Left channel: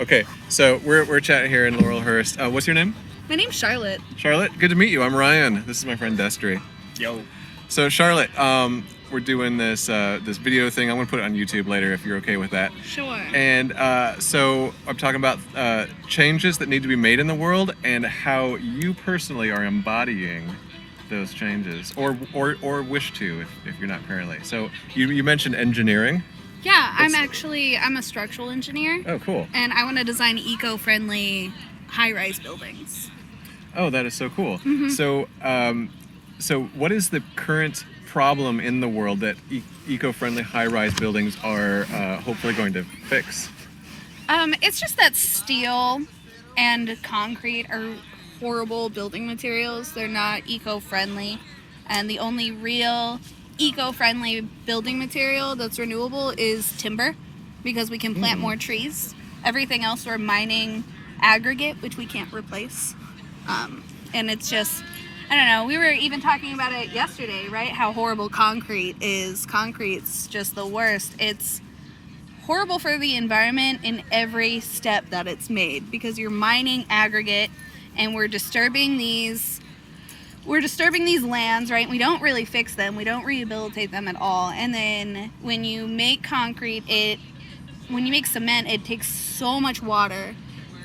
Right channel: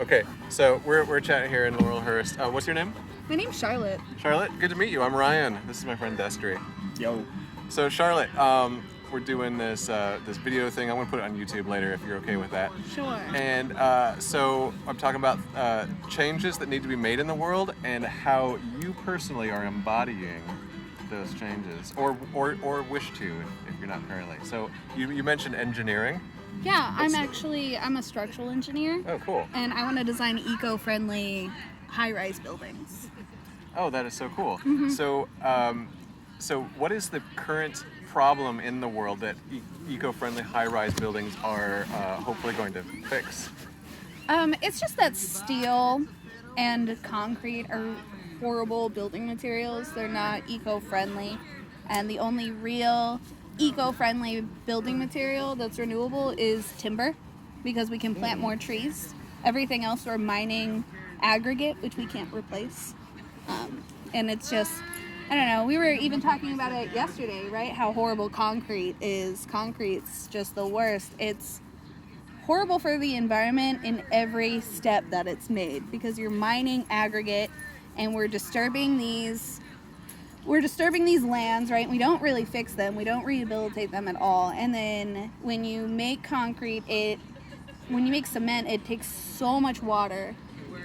Okay, so we're chatting here in Laurelhurst. What's your name? My name's Charlotte. Charlotte. Good to meet you. I'm Ryan. This is my friend Destry. Yo. So Charlotte, we're doing this this video thing. I'm gonna put it on YouTube later if you're okay with that. Sure. And so I'm talking about changes that need to be made in the world and how you personally are embodying those changes, or wish to if you're not currently. So you mentioned engineering. Yeah, I'm a structural engineer. Oh, cool. And I want to design eco-friendly high-rise buildings. Oh, that is so cool. Mm-hmm. So what is the current problem in the world that eco-friendly high-rise buildings are hopefully going to fix? It's just that steel and concrete are horrible building materials. They're not eco-friendly, and the only real eco-friendly building material that's renewable is timber, because we can plant more trees. Everything else we're mining aggregate, which we can't replace. And it's just, I don't know, we were even talking about it yesterday, right? How horrible concrete is. Concrete's just the worst. It's horrible for the environment in every step that it's made, because you're mining aggregate and we're disturbing these lands, right? We don't really fix them. We don't rehabilitate them at all. And then when you make when you make cement, it takes so much water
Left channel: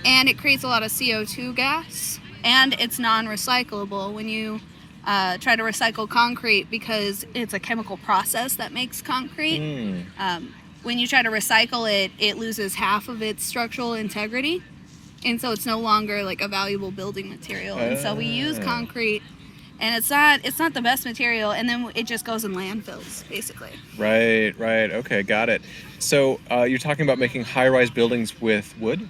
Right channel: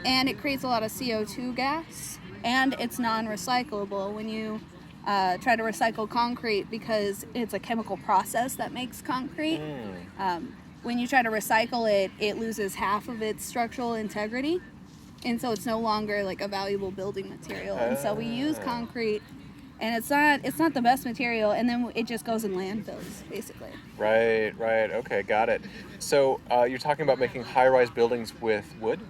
and it creates a lot of CO2 gas, and it's non-recyclable when you try to recycle concrete, because it's a chemical process that makes concrete. When you try to recycle it, it loses half of its structural integrity, and so it's no longer like a valuable building material. And so we use concrete, and it's not the best material, and then it just goes in landfills, basically. Right. Okay, got it. So you're talking about making high-rise buildings with wood?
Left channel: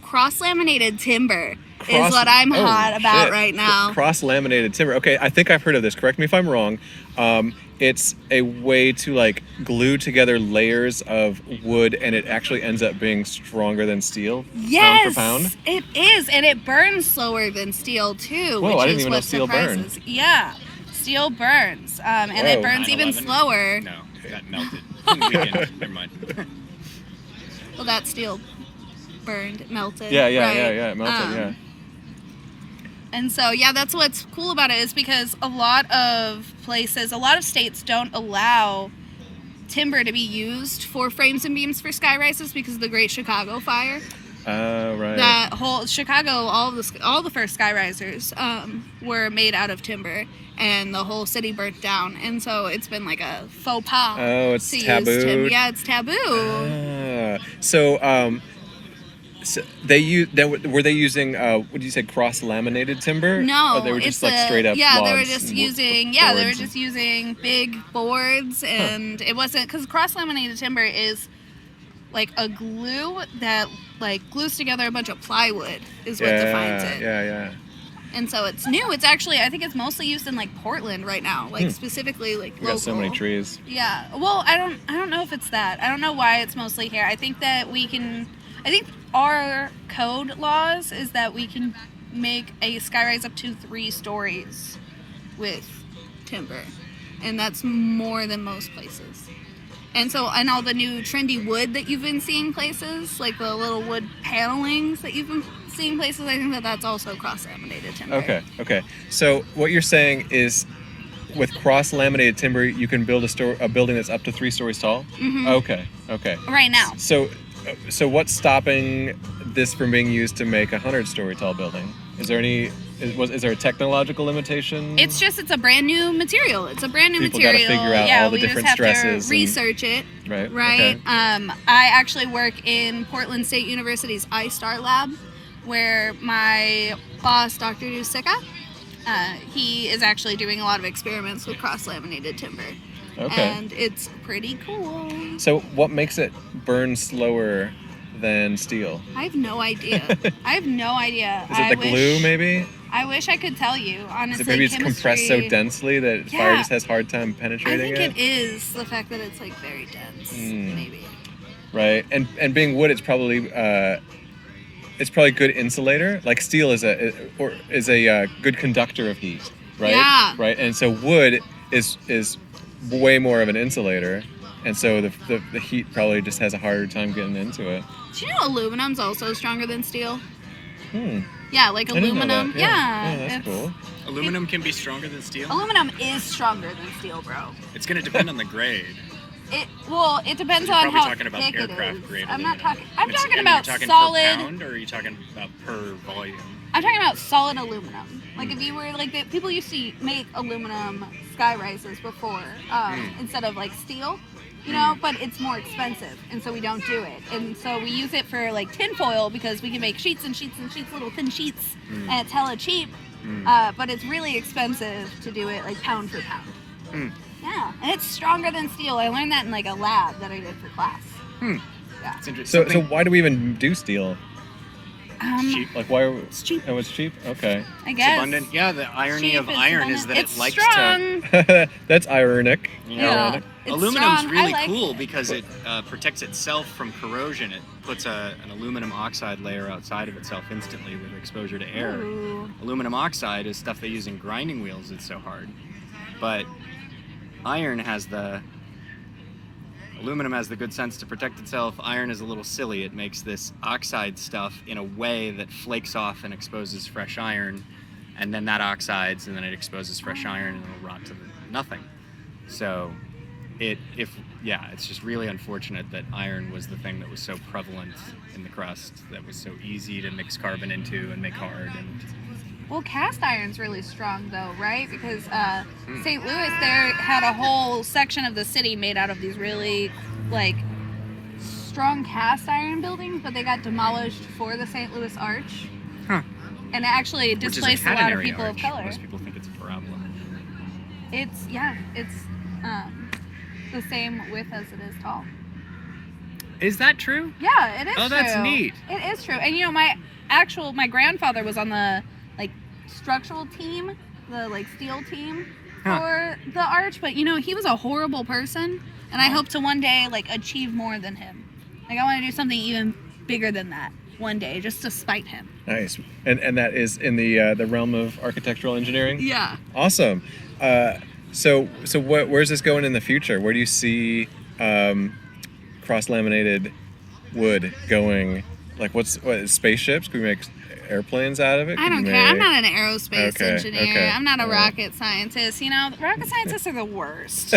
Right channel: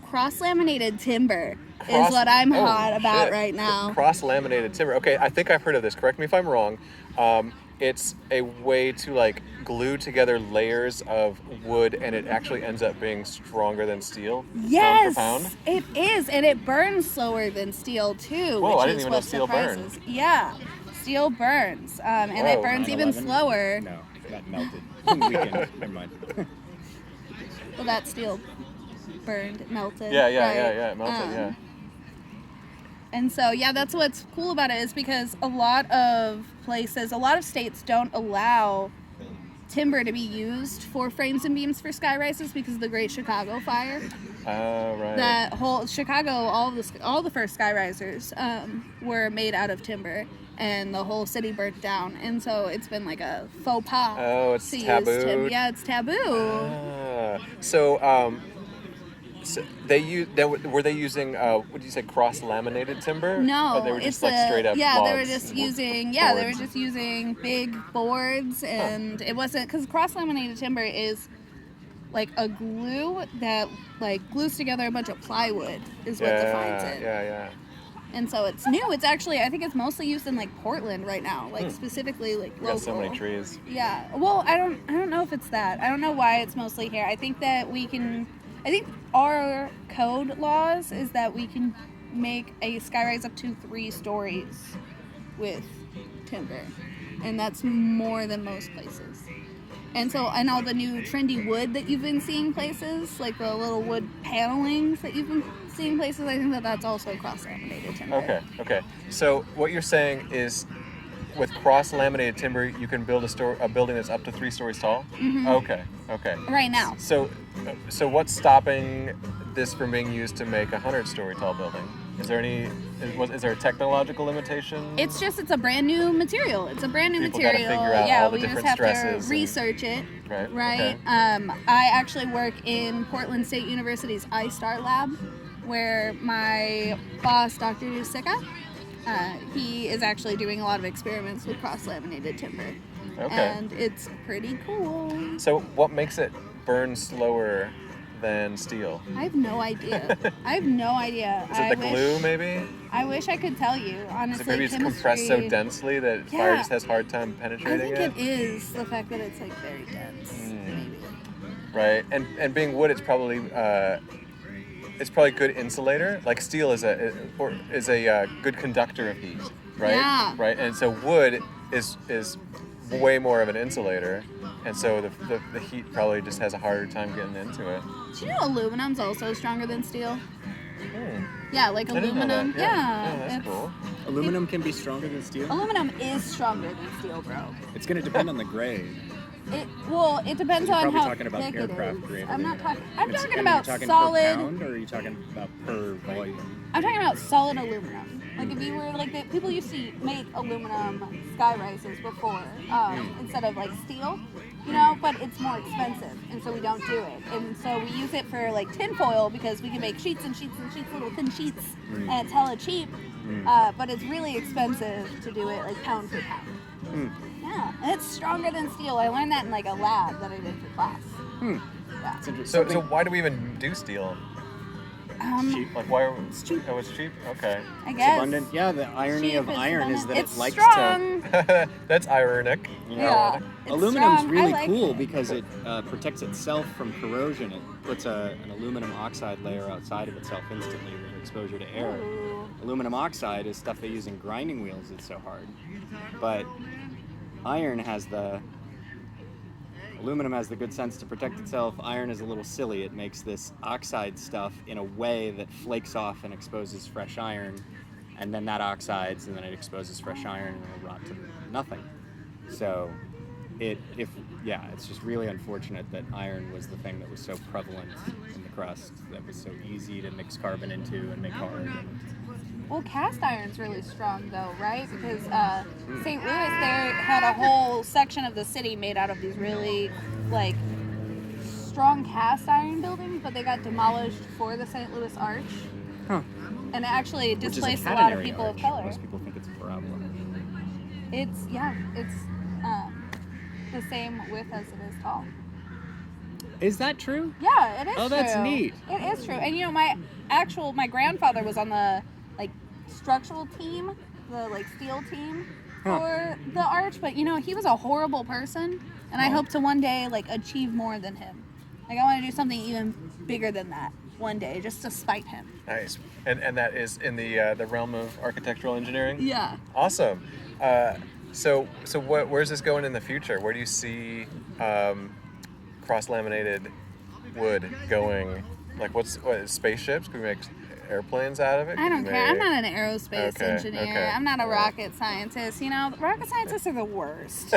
Cross-laminated timber is what I'm hot about right now. Cross-laminated timber. Okay, I think I've heard of this. Correct me if I'm wrong. It's a way to like glue together layers of wood, and it actually ends up being stronger than steel. Yes, pound for pound. It is, and it burns slower than steel too. Whoa, which I didn't is even know what steel surprises. burned. Yeah, steel burns, and it Whoa. burns even 9/11? slower. No, that melted. Weekend. Never mind. Well, that steel burned, melted. Yeah, right? it melted, yeah. And so, yeah, that's what's cool about it, is because a lot of states don't allow timber to be used for frames and beams for sky rises because of the Great Chicago Fire. Right. That whole Chicago, all the first sky risers were made out of timber, and the whole city burnt down. And so it's been like a faux pas. Oh, it's to taboo. Use timber. Yeah, it's taboo. So were they using what did you say, cross-laminated timber? No, or they were just like straight up yeah, logs they were just and using boards? big boards, and it wasn't, because cross-laminated timber is like a glue that like glues together a bunch of plywood is what defines it. Yeah. And so it's new. It's actually, I think it's mostly used in like Portland right now, like specifically like We local. got so many trees. Yeah. Well, I don't know if it's that. I don't know why it's mostly here. I think our code laws is that we can make a skyrise up to 3 stories with timber, and that's more than most places. And so, and all the new trendy wood that you've been seeing places, like the little wood panelings that you've been seeing places, I think that's also cross-laminated timber. Okay. So what you're saying is, with cross-laminated timber, you can build a building that's up to 3 stories tall? Mm-hmm. Okay. Right now. So what's stopping this from being used to make a 100-story tall building? Is there a technological limitation? It's a brand new material. It's a brand new People material. gotta figure out all the we different just have stresses to research it. Right. Right. Okay. I actually work in Portland State University's iStar lab, where my boss, Dr. Dusika, he is actually doing a lot of experiments with cross-laminated timber. Okay. And it's pretty cool. So what makes it burn slower than steel? I have no idea. Is it the glue, maybe? I wish I could tell you, honestly. Is it maybe it's compressed so densely that fire just has a hard time penetrating it? I think it is the fact that it's like very dense, maybe. Right, and being wood, it's probably good insulator. Like steel is a good conductor of heat, right? Yeah. Right, and so wood is way more of an insulator. and so the heat probably just has a harder time getting into it. Do you know aluminum's also stronger than steel? Hmm. Yeah, like I didn't know aluminum. that. Yeah, that's it's- cool. Aluminum can be stronger than steel. Aluminum is stronger than steel, bro. It's going to depend on the grade. It depends So you're on probably how talking about thick it aircraft is. grade I'm not aluminum. talking. I'm talking and about you're talking solid. per pound, or are you talking about per volume? I'm talking about solid aluminum. Like if you were like people used to make aluminum sky rises before instead of like steel, you know. But it's more expensive, and so we don't do it. And so we use it for like tin foil because we can make sheets and sheets and sheets, little thin sheets, and it's hella cheap. But it's really expensive to do it like pound for pound. Yeah, and it's stronger than steel. I learned that in like a lab that I did for class. Yeah. It's interesting. So why do we even do steel? Cheap. Like why? It's cheap. Oh, it's cheap. Okay. I It's guess. abundant. Yeah, the irony Cheap of iron is abundant. that it's it likes strong. to. That's ironic. Yeah. It's Aluminum's strong. really I like cool it. because it protects itself from corrosion. It puts an aluminum oxide layer outside of itself instantly with exposure to air. Ooh. Aluminum oxide is stuff they use in grinding wheels. It's so hard, but iron has the. Aluminum has the good sense to protect itself. Iron is a little silly. It makes this oxide stuff in a way that flakes off and exposes fresh iron, and then that oxides, and then it exposes fresh iron, and it'll rot to nothing. So, it's just really unfortunate that iron was the thing that was so prevalent in the crust, that was so easy to mix carbon into and make hard. And Well, cast iron's really strong though, right? Because St. Louis there had a whole section of the city made out of these really like strong cast iron buildings, but they got demolished for the St. Louis Arch. Huh. And it actually which is displaced a lot of catenary people arch. of color. Most people think it's a parabola. It's the same width as it is tall. Is that true? Yeah, it is Oh, that's true. neat. It is true. And you know, my grandfather was on the like structural team, the like steel team for the arch, but you know, he was a horrible person, and I hope to one day like achieve more than him. Like I want to do something even bigger than that one day, just to spite him. Nice. And that is in the realm of architectural engineering. Yeah. Awesome. So where's this going in the future? Where do you see cross-laminated wood going? Like what spaceships? Can we make airplanes out of it? I don't care. I'm not an aerospace Okay, engineer. okay, I'm not a alright. rocket scientist. You know, rocket scientists are the worst.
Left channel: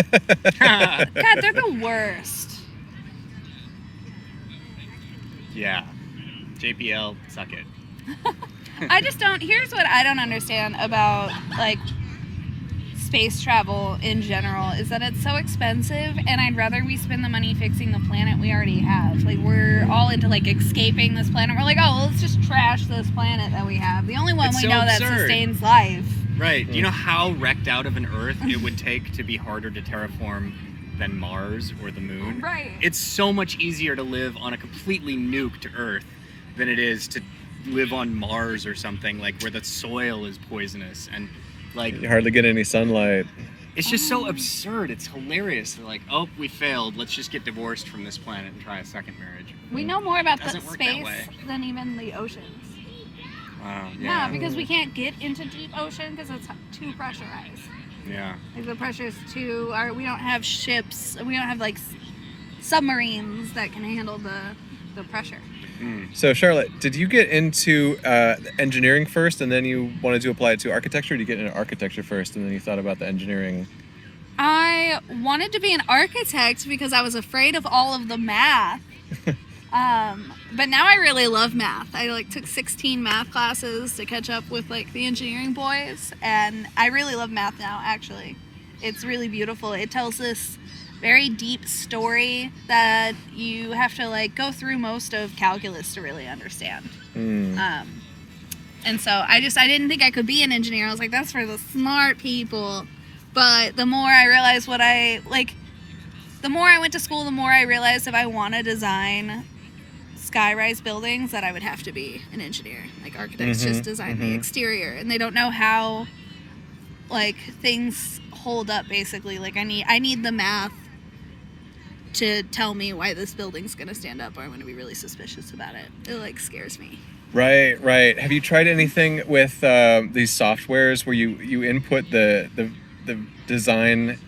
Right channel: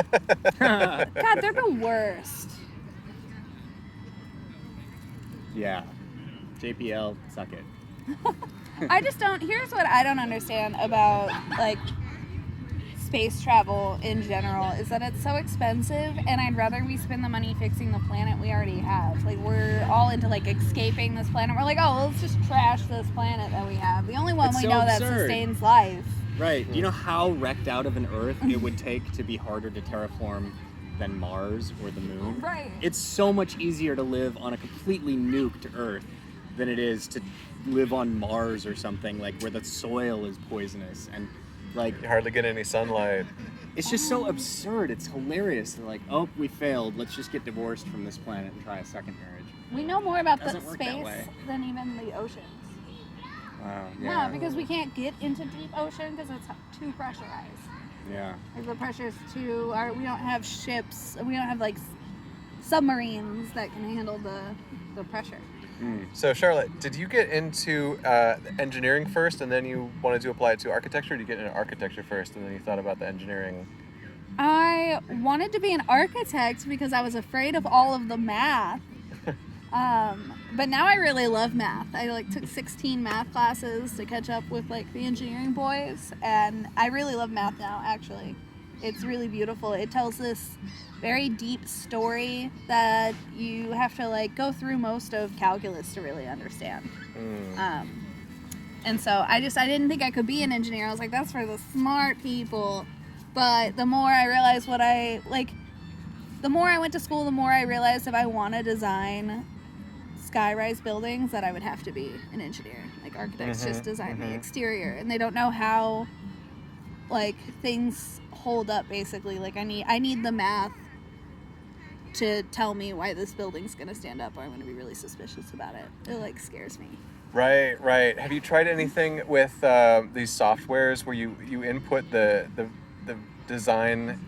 God, they're the worst. Yeah. JPL, suck it. I just don't. Here's what I don't understand about like space travel in general is that it's so expensive, and I'd rather we spend the money fixing the planet we already have. Like we're all into like escaping this planet. We're like, oh, let's just trash this planet that we have. The only one It's we so know that absurd. sustains life. Right. Do you know how wrecked out of an Earth it would take to be harder to terraform than Mars or the Moon? Right. It's so much easier to live on a completely nuked Earth than it is to live on Mars or something, like where the soil is poisonous and like You hardly get any sunlight. it's just so absurd. It's hilarious. They're like, oh, we failed. Let's just get divorced from this planet and try a second marriage. We know more about the Doesn't work that space way. than even the oceans. Wow. Yeah, because we can't get into deep ocean because it's too pressurized. Yeah. Like the pressure's too. We don't have ships. We don't have like submarines that can handle the pressure. So Charlotte, did you get into engineering first and then you wanted to apply it to architecture? Or did you get into architecture first and then you thought about the engineering? I wanted to be an architect because I was afraid of all of the math. But now I really love math. I like took 16 math classes to catch up with like the engineering boys, and I really love math now. Actually, it's really beautiful. It tells this very deep story that you have to like go through most of calculus to really understand. And so I didn't think I could be an engineer. I was like, that's for the smart people. But the more I realized the more I went to school, the more I realized if I want to design skyrise buildings that I would have to be an engineer. Like architects just design the exterior, and they don't know how like things hold up basically. Like I need the math to tell me why this building's gonna stand up, or I'm gonna be really suspicious about it. It like scares me. Right. Have you tried anything with these softwares where you input the design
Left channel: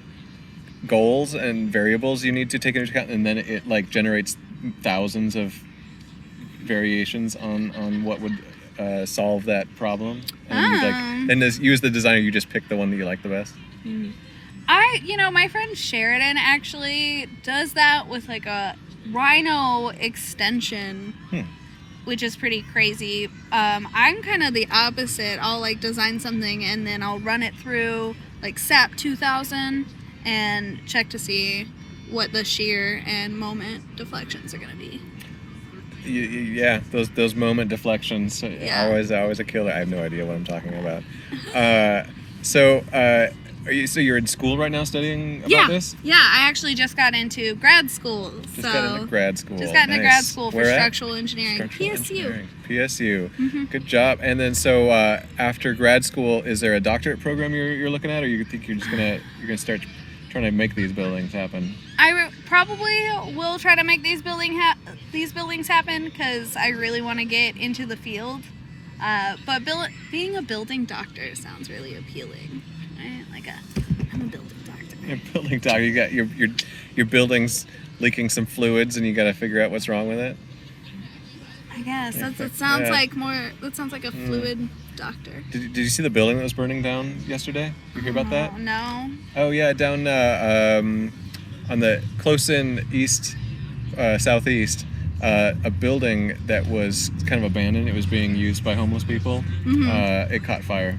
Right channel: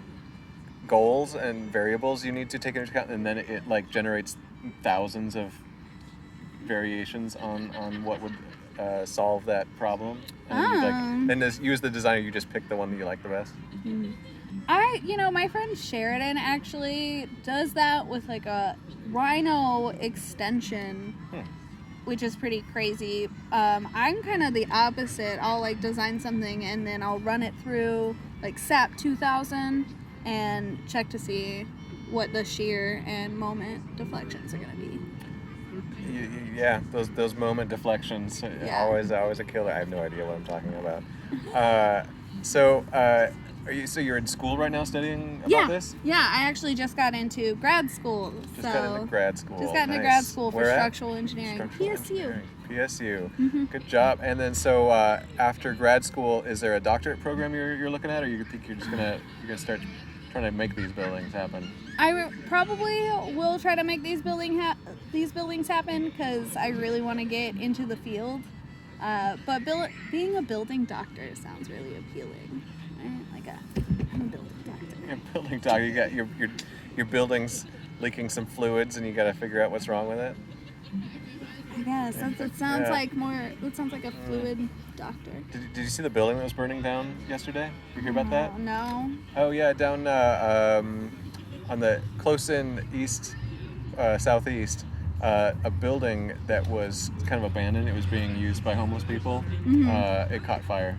goals and variables you need to take into account, and then it like generates thousands of variations on what would solve that problem. And as you as the designer, you just pick the one that you like the best. My friend Sheridan actually does that with like a rhino extension, which is pretty crazy. I'm kind of the opposite. I'll like design something and then I'll run it through like SAP 2000 and check to see what the shear and moment deflections are going to be. Yeah, those moment deflections, always a killer. I have no idea what I'm talking about. You're in school right now studying about this? Yeah, I actually just got into grad school. Just got into grad school grad school for Where at? structural engineering. PSU. Good job. And then so after grad school, is there a doctorate program you're looking at, or you think you're gonna start trying to make these buildings happen? I probably will try to make these buildings happen because I really want to get into the field. But being a building doctor sounds really appealing. Right? I'm a building doctor. You're a building doctor. You got your building's leaking some fluids, and you got to figure out what's wrong with it. I guess that sounds like a fluid doctor. Did you see the building that was burning down yesterday? You hear about that? No. Oh yeah, down on the close in east, southeast, a building that was kind of abandoned. It was being used by homeless people. It caught fire,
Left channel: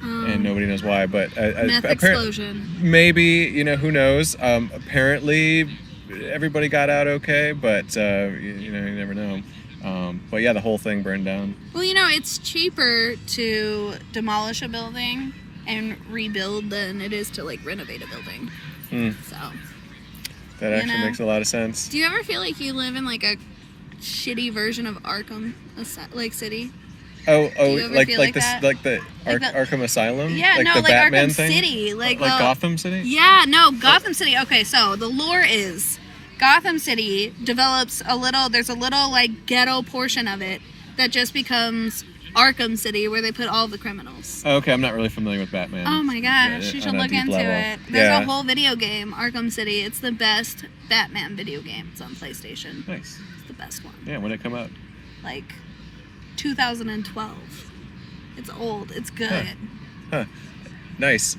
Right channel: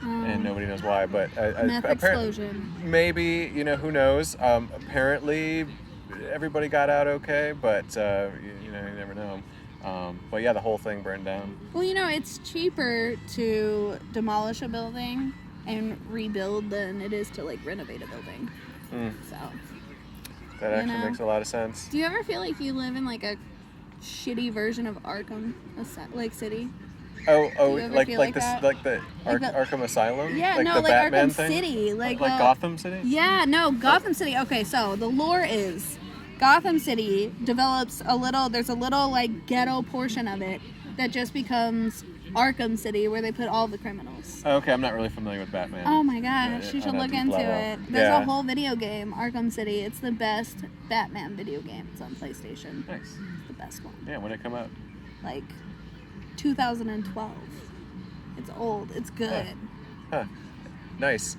and nobody knows why. But meth explosion. Maybe, who knows? Apparently, everybody got out okay, but you never know. But yeah, the whole thing burned down. Well, it's cheaper to demolish a building and rebuild than it is to like renovate a building. So that actually makes a lot of sense. Do you ever feel like you live in like a shitty version of Arkham, like city? Oh, like the Arkham Asylum? Yeah, like no, the like Batman Arkham thing? City, like Gotham City? Yeah, no, Gotham City. Okay, so the lore is Gotham City develops there's a little like ghetto portion of it that just becomes Arkham City, where they put all the criminals. Okay, I'm not really familiar with Batman. Oh my gosh, you should look into it. There's a whole video game, Arkham City. It's the best Batman video game. It's on PlayStation. Nice. It's the best one. Yeah, when did it come out? Like 2012. It's old. It's good. Huh. Nice.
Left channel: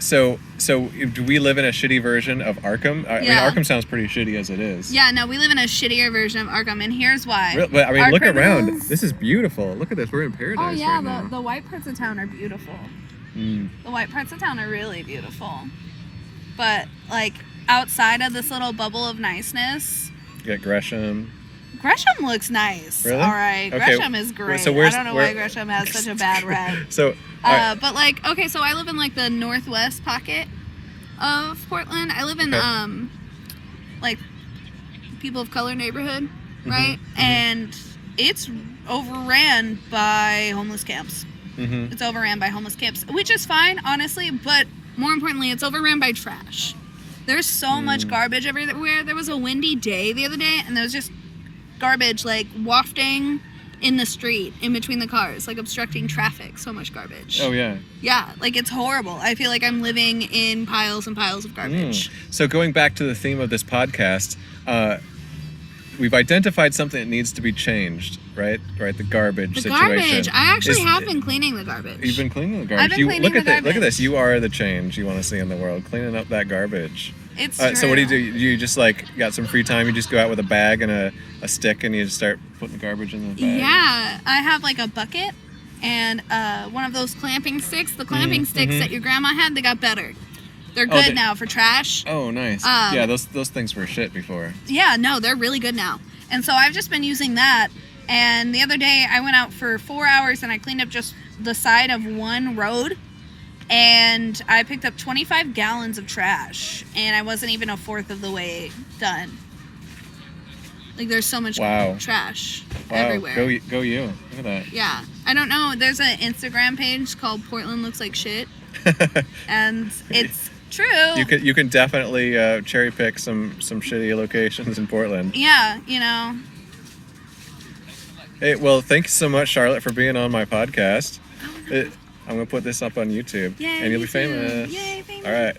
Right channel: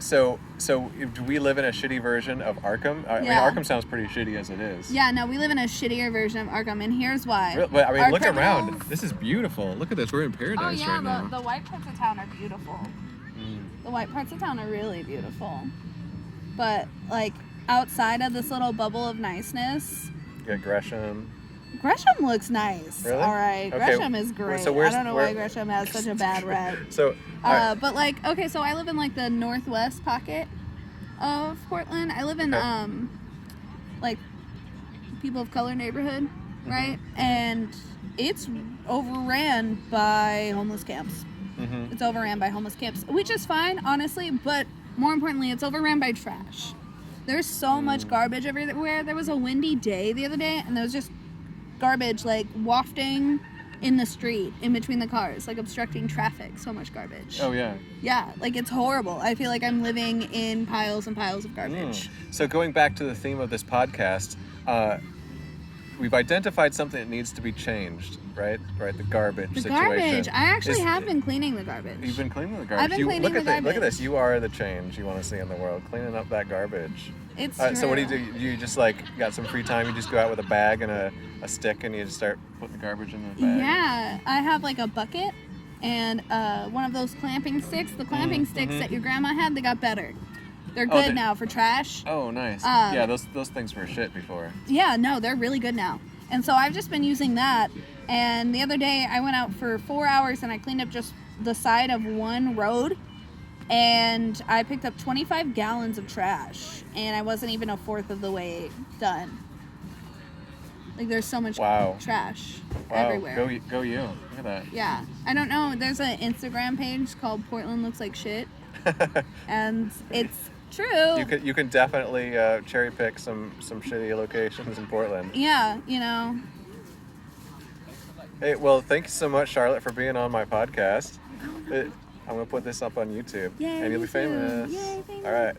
So do we live in a shitty version of Arkham? I mean, Arkham sounds pretty shitty as it is. Yeah, no, we live in a shittier version of Arkham, and here's why. But I mean, look around. This is beautiful. Look at this. We're in paradise right now. The white parts of town are beautiful. The white parts of town are really beautiful. But, like, outside of this little bubble of niceness... You got Gresham. Gresham looks nice. Really? All right. Okay. Gresham is great. So I don't know why Gresham has such a bad rep. So... But like, okay, so I live in like the northwest pocket of Portland. I live in like people of color neighborhood, right? And it's overran by homeless camps. It's overran by homeless camps, which is fine, honestly, but more importantly, it's overran by trash. There's so much garbage everywhere. There was a windy day the other day, and there was just garbage like wafting in the street, in between the cars, like obstructing traffic. So much garbage. Oh, yeah. Yeah, like it's horrible. I feel like I'm living in piles and piles of garbage. So going back to the theme of this podcast, we've identified something that needs to be changed, right? Right, the garbage situation. Garbage. I actually have been cleaning the garbage. You've been cleaning the garbage. I've been cleaning the garbage. Look at this. You are the change you want to see in the world, cleaning up that garbage. It's true. So what do? You just like got some free time? You just go out with a bag and a stick and you just start putting the garbage in the bag? Yeah, I have like a bucket and one of those clamping sticks. The clamping sticks that your grandma had, they got better. They're good now for trash. Oh, nice. Yeah, those things were shit before. Yeah, no, they're really good now. And so I've just been using that. And the other day I went out for 4 hours and I cleaned up just the side of one road. And I picked up 25 gallons of trash. And I wasn't even a fourth of the way done. Like, there's so much trash everywhere. Go you. Look at that. Yeah. I don't know. There's an Instagram page called Portland Looks Like Shit. And it's true. You can definitely cherry pick some shitty locations in Portland. Yeah, Hey, well, thanks so much, Charlotte, for being on my podcast. I'm going to put this up on YouTube. Yay, and you'll be famous. Yay, famous. All right.